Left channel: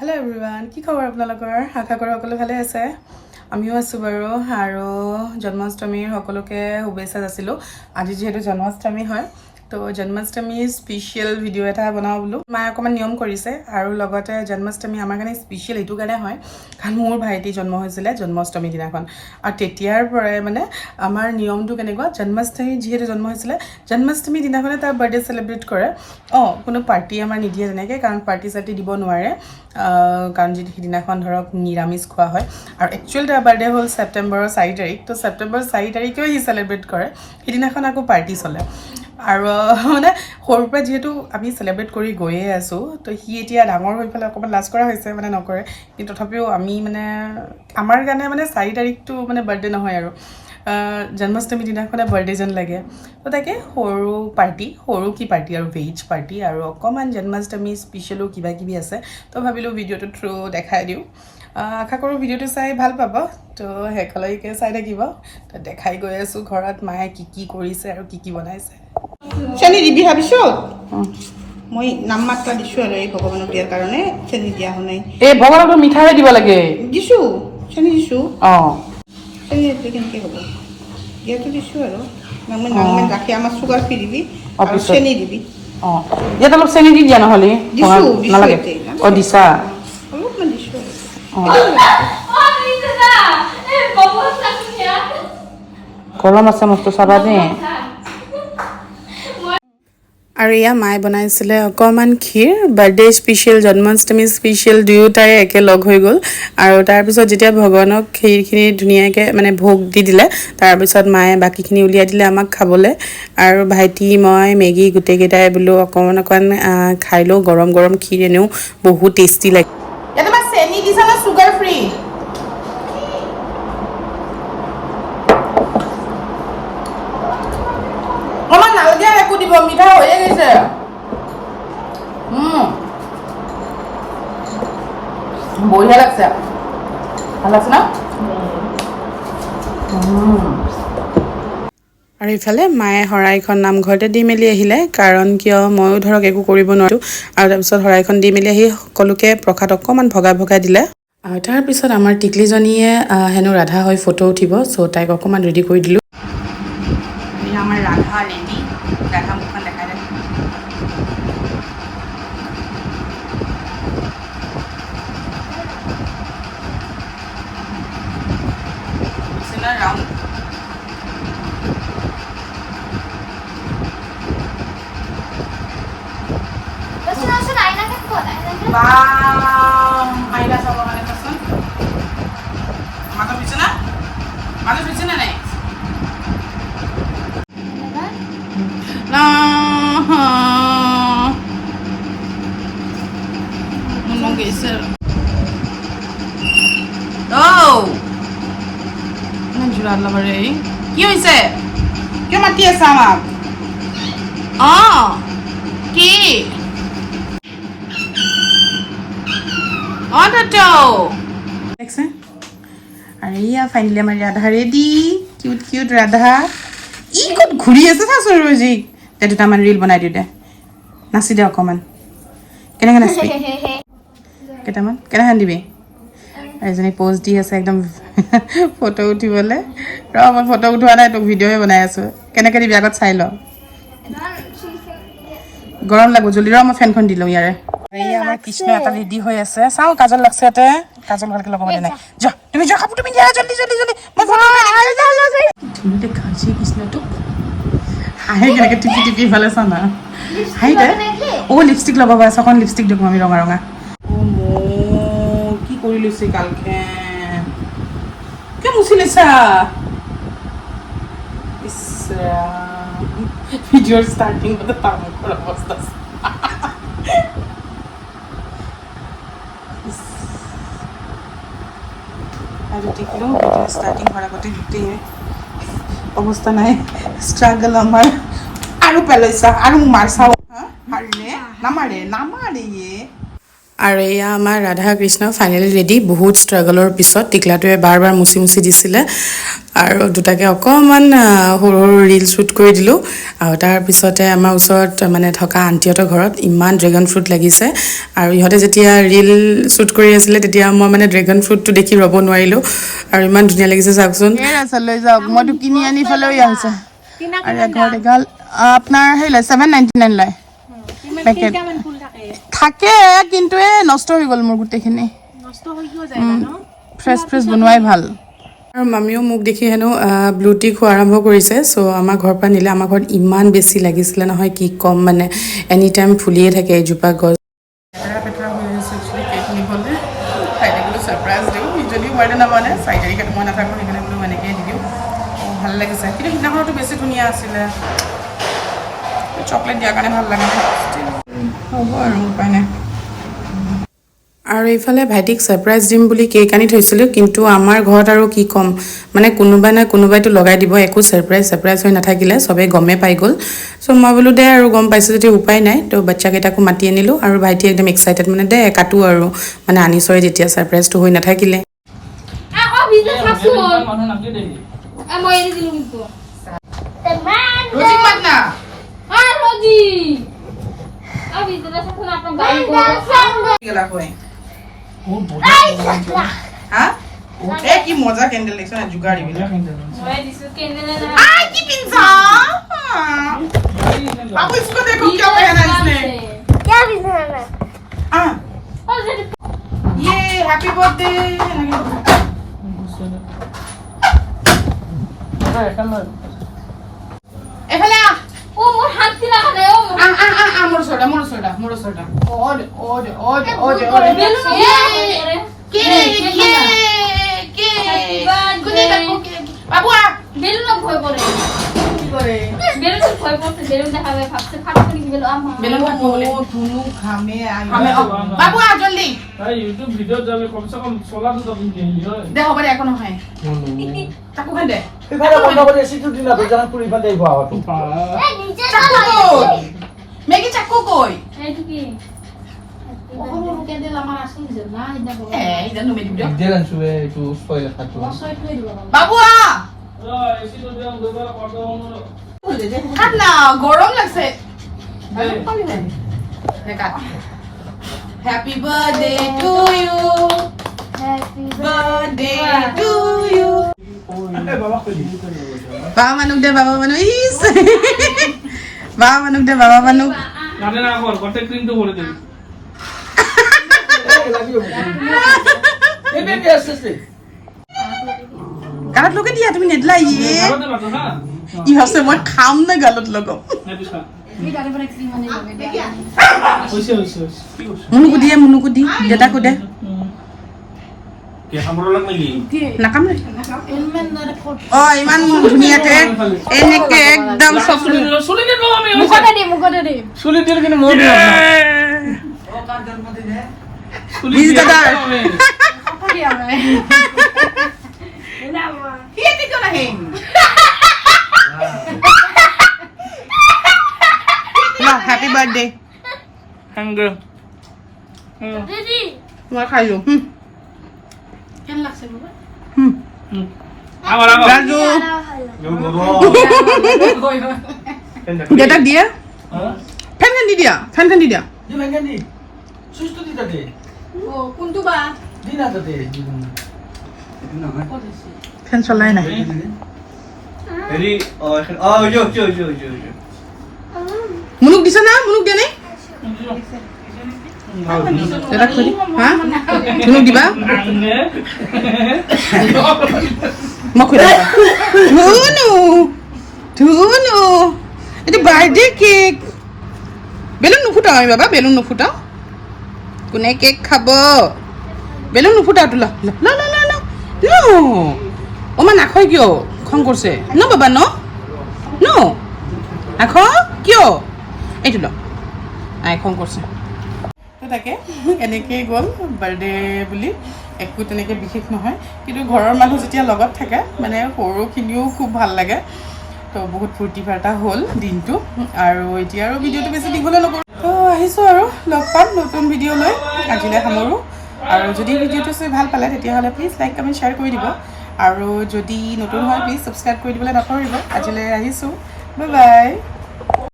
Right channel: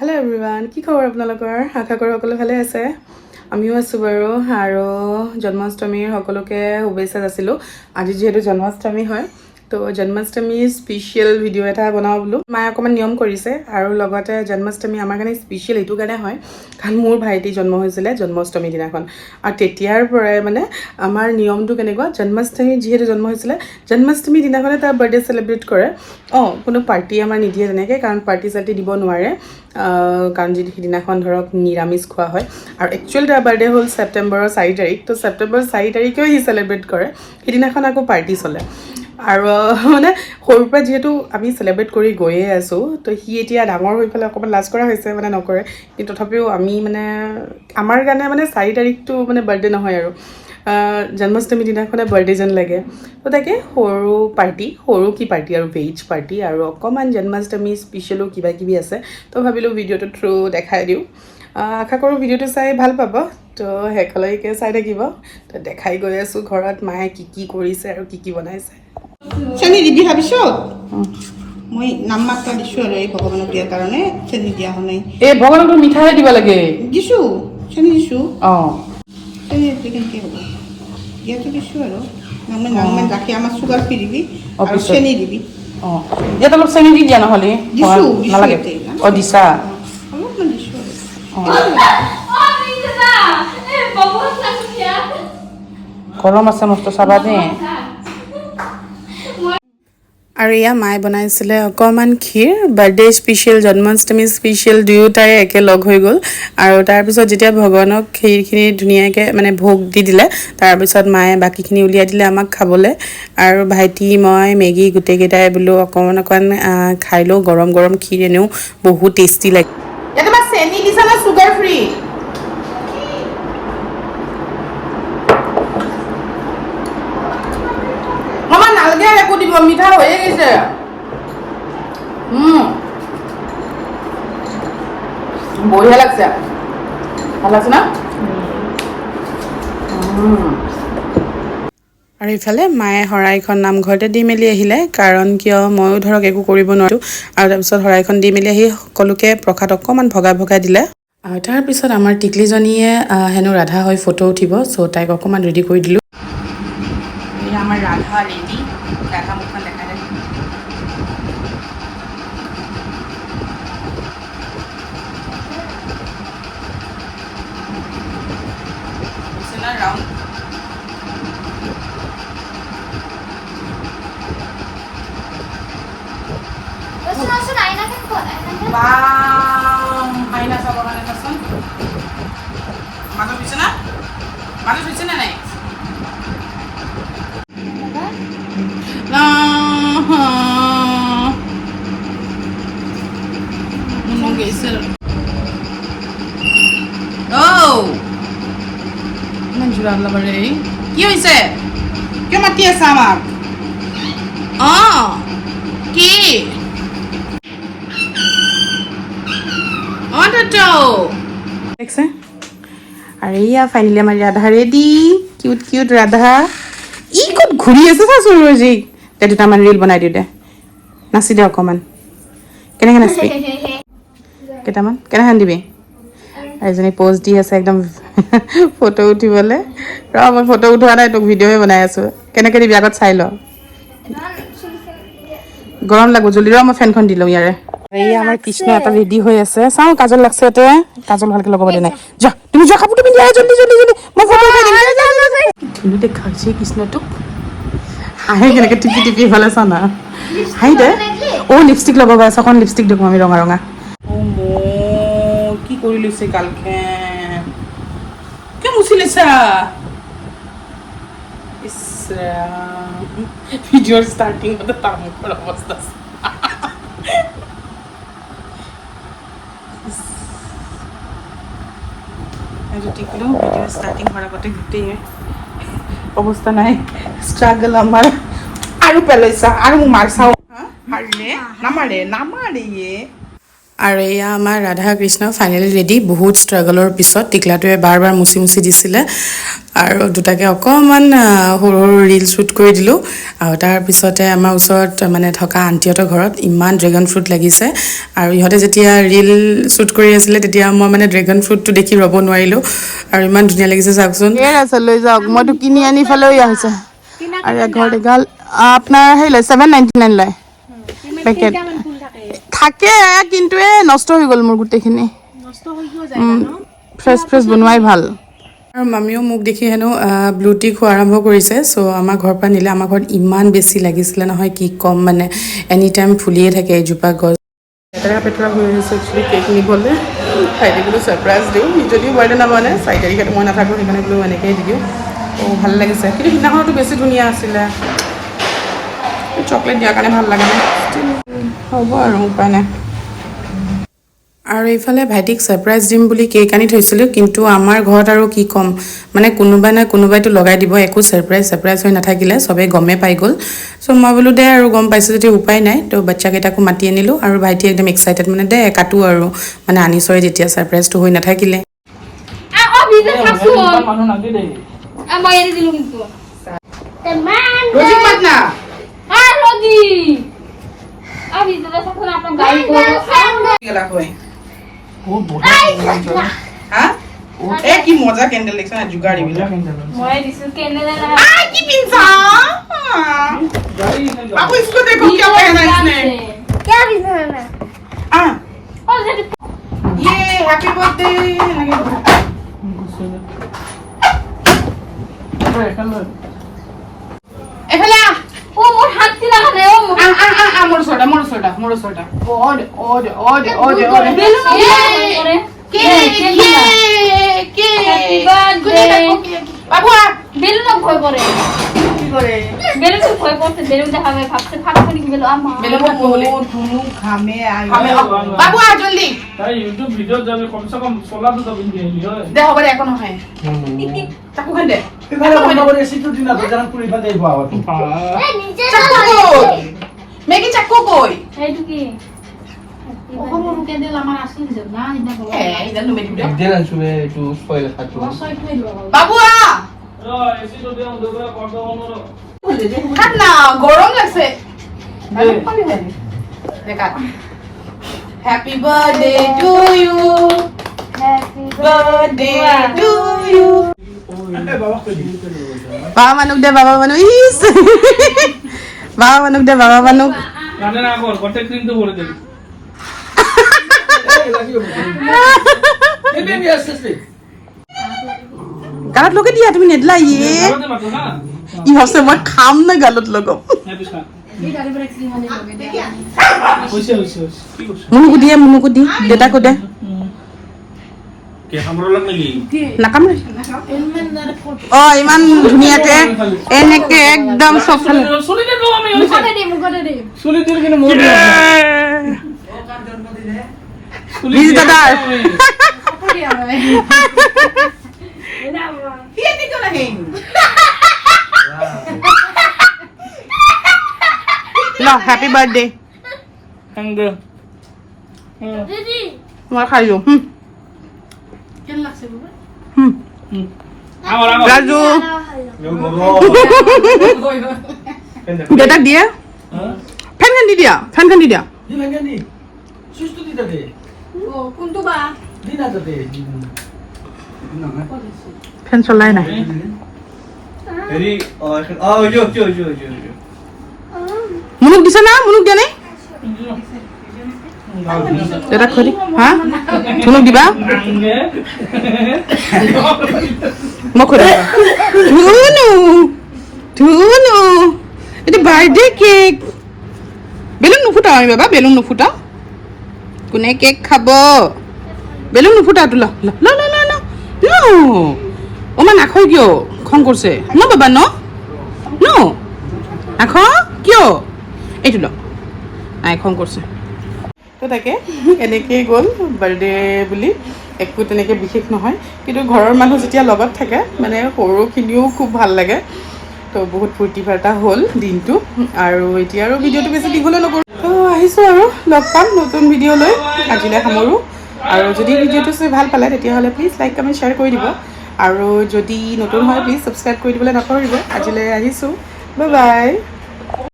Hello' everyone, কি খবৰ আপোনালোকৰ? আশা কৰোঁ সকলো ভালে আছে। আমিও আছোঁ বাৰু। আৰু জন্মাষ্টমীৰ সকলোকে শুভেচ্ছা যাচিলোঁ। আজি যিহেতু জন্মাষ্টমী হয়, তো জন্মাষ্টমীৰ স্পেচিয়েল ভিডিঅ' এটা বনাওঁ বোলো। মায়ে অকণমান নিয়ম কৰিছে আৰু লগতে জন্মাষ্টমী আমাৰ কাৰণে স্পেচিয়েল এইটো কাৰণে হয় কাৰণ মোৰ ভাইটি জন্ম হৈছিলে জন্মাষ্টমীৰ দিনাখন। আৰু তেতিয়াৰ পৰাই মানে আমাৰ নিয়মটো কেনেকুৱা, জন্মাষ্টমী যিহেতু জন্ম হৈছিলে জন্মাষ্টমীৰ দিনাখনে তাৰ বাৰ্থডে চেলিব্ৰেট কৰে। কোনো পাৰ্টি আমাৰ নিদিয়ে তেনেকৈ, কাৰণ পাৰ্টি চাৰ্টি দিব নোৱাৰে, কাৰণ যদি সিদিনাখন ধৰক নিৰামিষ খোৱা হয়। আৰু একচুৱেলি তাৰ বাৰ্থডে হ'ল ছেপ্টেম্বৰৰ 4 তাৰিখ, তো ছেপ্টেম্বৰৰ 4 তাৰিখেও সি চেলিব্ৰেট কৰে। সিদিনাখন আকৌ পাৰ্টি চলে। আৰু মানে সৰুৰ পৰা যিহেতু আমি চেলিব্ৰেট কৰি গৈয়ে আছোঁ, তো সি এতিয়া ডাঙৰ হৈ পেলাই অকণমান লাজ কৰা হৈছে, মানে নকৰে। কিন্তু তথাপিও আমি মানে আমাৰ কাৰণে মানে 4 তাৰিখটো মানে বাৰ্থডে নহয় আৰু জন্মাষ্টমী দিনাখনে বাৰ্থডে যেন লাগে। তো তাকে সৰু পাৰ্টি, সৰু কি পাৰ্টি আৰু ভেজ পাৰ্টি, আৰু অকণমান জন্মাষ্টমী স্পেচিয়েলো কিবা কিবি আছে। তো ভাবিলোঁ ভিডিঅ'টো থ্ৰু দেখাই দিওঁ। আশা কৰোঁ ভিডিঅ'টো চাই ভাল পাব, তো শেষলৈকে চাই থাকিব। তো দেখাই গৈ আছোঁ ঘৰত মায়ে কি কি কৰিছে আৰু কি কি বনাইছে। চেনি দিবি ভাবিছোঁ। মই নাম মাত্ৰা দিছোঁ আৰু এই ভগৱানক দিয়াৰ কাৰণে চেনি দিয়া হোৱা নাই। এই ভগৱানক মিঠাই দিব লাগে। দিছোঁ, চেনি দিছোঁ। অঁ, চেনি দিলে কেনেকৈ হ'ব? দিয়াটো দিছোঁ আৰু নামে নামে ৰাখি আমাৰ চুগাৰ ফ্ৰী দিবি আৰু চেনি দিবি। অঁ, ইয়াত অলপ চেনি দি দিয়া নহ'লে। দিছোঁ দিছোঁ এতিয়া অঁ, দিছা। অলপমান দিছোঁ আৰু গৰম আছে মস্ত চাবা দেই। আৰু এয়া মায়ে বনাইছিলে অকণমান ক্ষীৰ, বাৰ্থডে স্পেচিয়েল জন্মাষ্টমী স্পেচিয়েল দুয়োটাই একেলগ হৈ গ'ল। আৰু তাৰপিছত যেতিয়া ভগৱানক ক্ষীৰখিনি ধুনীয়াকৈ মানে ভোগ দি দিলে, তাৰপিছত মায়ে বাকীখিনি উলিয়াই দিলে আমাক খাবলৈ। আৰু ভাইটি মই মেগী গোটেইকেইটাই বোলো অকণমান খাই লওঁ। গৰম গৰম ক্ষীৰ এনেও বহুত টেষ্টি লাগে। ইয়াত তোমাৰ চেনি দিছা নে চুগাৰ ফ্ৰী? অকণমান নালাগে একো দিব, মিঠা হৈয়ে গৈছে। বঢ়িয়া লাগছে, ভাল লাগছে না? আৰু ইফালে মায়ে শৰাইখন নামঘৰতে দি মেলি আহিলে, কাৰণ কিয় ময়ো ধৰক একো কৰিব নোৱাৰোঁ। আৰু তাৰপিছত শৰাইখন দি মেলি আহি সকলোকে প্ৰসাদ অকণমান ভগাই ভগাই দিলে। তাৰপিছত আমাৰ টিকলিজনীয়ে হেনো ৰাধা হৈ ফটো উঠিব, চ' তাইক অকণমান ৰেডি কৰি দিলোঁ। আমাৰ ৰাধা ৰেডি, ৰাধা মুখখন দেখাই দে। ৰাউণ্ড আইনা চাবৰ কাৰণে চাচোন মানুহ হৈছে না, মানুহ হৈছে নে নাই? ইমান জোৰা লবাৰে কি হৈছে? কিয় মাতি আছা আমাক? কি দেখছে? আৰু এয়া ফাইনেলি আমাৰ Radha ready, cute cute Radha. ই ক'ত ঘূৰি আছে চাচোন ৰজি। দে দুটামান ৰিল বনাই দিওঁ দে, নাচি দে অকণমান। কেনেকৈ নাচবি? কেইটামান কেনেকৈ দিবি? এজনী প'জ দি আছে একদম ফটো উঠিবলৈ। মই ফটো উঠোৱা নাই, তোক ভিডিঅ'হে বনাই আছোঁ। কেনেকৈ দিবি আগত চাই ল। গৰম লাগো জল্দি মই ফেনখন দি লওঁ ইয়াৰে। এই আমাৰ কৃষ্ণ এটা ৰেডি হৈ আছে, চাওঁ কাজল লাগছে ইয়াতে। কাজল ভালকৈ লগাব দে নাই, যা তুমি যা কাপোৰটো পিন্ধি আহ জল্দি জল্দি জল্দি, মই ফটো উঠাই দিম। ধুনীয়া দেখাইছে কৃষ্ণটোক, হাঁহে কেনেকৈ টিপি টিপি ইফালে চা না, হাঁহি দে। লিপষ্টিক লগাব আছে, অকণ লিপষ্টিক দেখোঁ আমি ৰঙা ৰঙা। কি কৰি লৈছে গালখন, কিয় মুচি লৈছা? ভিডিঅ'ৰ ষ্টাৰ্টিং তাৰ মুখৰ অৱস্থা ষ্টাৰ্টিং হোৱাৰ আগতে গোটেই অৱস্থা নাই, ষ্ট্ৰাগল আমাৰ। আৰু পেলাইছা আৰু মোক মাৰচাও, নামাৰে নামাৰে। আৰু এয়া আমাৰ ৰাধা কৃষ্ণ ফাইনেলি ৰেডি। বহুত ষ্ট্ৰাগলৰ পিছত টিকলাটোৱে বাৰ বাৰ মুচি মুচি দিছিলে আৰু দুটাকে অকণমান সৰু সৰু ৰিল শ্বুট কৰি দিলোঁ। আৰু তাৰপিছতে আমাৰ ওচৰত মানে থকা আণ্টিহঁতৰ ঘৰত ইমান ড্ৰেগন ফ্ৰুট লাগিছে আৰু ইহঁতে যেতিয়া ৰিল শ্বুট কৰি আছিলে তেতিয়া মই মানে ড্ৰেগন ফ্ৰুটটো দেখি ৰ'ব নোৱাৰিলোঁ আৰু ইমান ধুনীয়া লাগিছে চাওকচোন। লৈ যাওক, মইতো কিনি আনি ফালেও আহিছে আৰু ঘৰত এগাল আপোনাৰ হেৰি লয় 799 লয় পেকেট থাকে, কিন্তু নষ্ট হৈ গ'ল মোৰ গোটেইখিনি। ফ্ৰেছ ফ্ৰেছ বনোৱাই ভাল। আৰু মামীও মোক দেখি হেনো ব্লু টি খোৱা আৰম্ভ কৰিছে। চ' আমাৰ ঘৰৰ পৰা নিলে। আমাৰ ঘৰত ইমান বেছি লাগিছিলে নহয়, কি ক'ম মানে, এনি টাইম ফুলিয়ে থাকে এজোপা গছ। লেতেৰা পেতেৰা হৈ আহিছে একচুৱেলি কেক নিবলৈ। ভাইটিক বোলো ছাৰপ্ৰাইজ দিওঁ, যদিও বাৰ্থডে নামানে 4 তাৰিখে মই নাথাকোঁ, সেইকাৰণে বোলো এনেকৈয়ে দি দিওঁ। ভাল লাগিছে, কিন্তু সিদিনাখনতো বেছি ধুনীয়া আছিলে। চকলেট দিয়াৰ কাৰণে ভাল লাগে নাই, হ'ব আৰু উপায় নাই। আৰু এইফালে ভাইটিক ছাৰপ্ৰাইজ দিম বুলি কেক আনি থৈছিলোঁ, কিন্তু আমাৰ ঘৰত আৰু কি ক'ম মানে, কোনোবাই নাই কোনোবাইতো লগাই দিব। একো ছাৰপ্ৰাইজ হৈ নাথাকিলে, চবেই গমেই পাই গ'ল। চ' মই বোলো দে আৰু গম পাইছোঁ যদি উপায় নাই। তো বাচ্চাকেইটাকো মাতি আনিলোঁ আৰু ভাইটি একদম এক্সাইটেড মানে, দে কাটো আৰু মানে আনিছৰে যেতিয়া ছাৰপ্ৰাইজটো হৈ নাথাকিলে। কি মজা কেন্ডেল দেখছ না, জুগাড়ি आपको इसको देखो क्या पहना इसने, क्या पहना ये हैप्पी बर्थडे এফালে ও মোর হাত দিলা রে ও মোর সোডা ওড কে বাবু বেলুন ভয় পড়ে বেলুন ভয় পড়তে বেলুন দেখাবে ভাবতে ফাটে কি বেলুন আমা বেলুন বলে ধুনু খামে বাবু আ জলদি ভাই ইউটিউব ভিডিও যাবে কমসে কম 16 তো দিন দিয়ে দে হবে এখন হয় চাকু খান দে এখানে বন্ধ করে সিকিউরিটি না জানা তুই ইফা দেব আও এই নিচে চাকু মেকি চাকু কই এইটু কি ওখানে রুকে দিল আমার আসকি দিছ না ইনা বল এই জানো মেডি ভিডিও দেন শুয়ে একটু ফয়েল খাচ্ছো বাবু আ এসি তো দেও দুবেলা কম দাও খান না গরম লাগছে দেখা happy birthday to you happy birthday to you বাবা মানুক দে বাবা মানুক ইস বাবা মানুক দে বাবা মানুক গানে না কর কতে ক্রিম তো বলে দিবি গালত লগে দিয়া তুমি নেদলা ইয়ে ই হসে মই খাম না গালত লগম মুনুকো দি দেউতাকো দে নাকাম অ ইমান ধুনীয়াকে এনেকে একদম চব হ্যাপি বার্থডে মই খাইছো রাজু দেউতাক দিয়ে ফেনখন দি দিয়া ফেন চলাই নাই মুনুক দিছে না মুনুক দিয়া নাই দেউতাক খুদি হা মুনুক দিবা মই খুদা ধুনু এইটো বাৰ্থডে কেক বেলুন নুফুটাও আমি বাবা বেলুন নুফুটাও কোনে কেক খাব বেলুন নুফুটাও তো ল অমা নাখয় কিয় খং কৰিছে ন বাবা ন নাখ কিয় এইটো ল নাই খং কৰিছে তো তাকে এনেকেই গ'ল বাৰ্থডে বুলি একো তেনেকৈ বিশেষ নহয় কিন্তু ঘৰৰ মানুহ যেতিয়া লগত থাকে মানে সৰুখিনিও খুব ভাল লাগে তো বহুত ফূৰ্তি ফাৰ্তা হ'ল দিনটো আৰু এতিয়া আৰু ভিডিঅ'টো বেছি দীঘলে নকৰোঁ তো আহিছোঁ আৰু লগ পাম নতুন ভিডিঅ' লৈ আজিলৈ সামৰোঁ আৰু যদি ভিডিঅ'টো চাই ভাল পালে তেতিয়াহ'লে প্লিজ লাইক কমেণ্ট শ্বেয়াৰ কৰি দিব আৰু যদি নতুন হয় প্লিজ ছাবস্ক্ৰাইব কৰি দিবলৈ নপাহৰিব আজিলৈ আহিছোঁ বাই বাই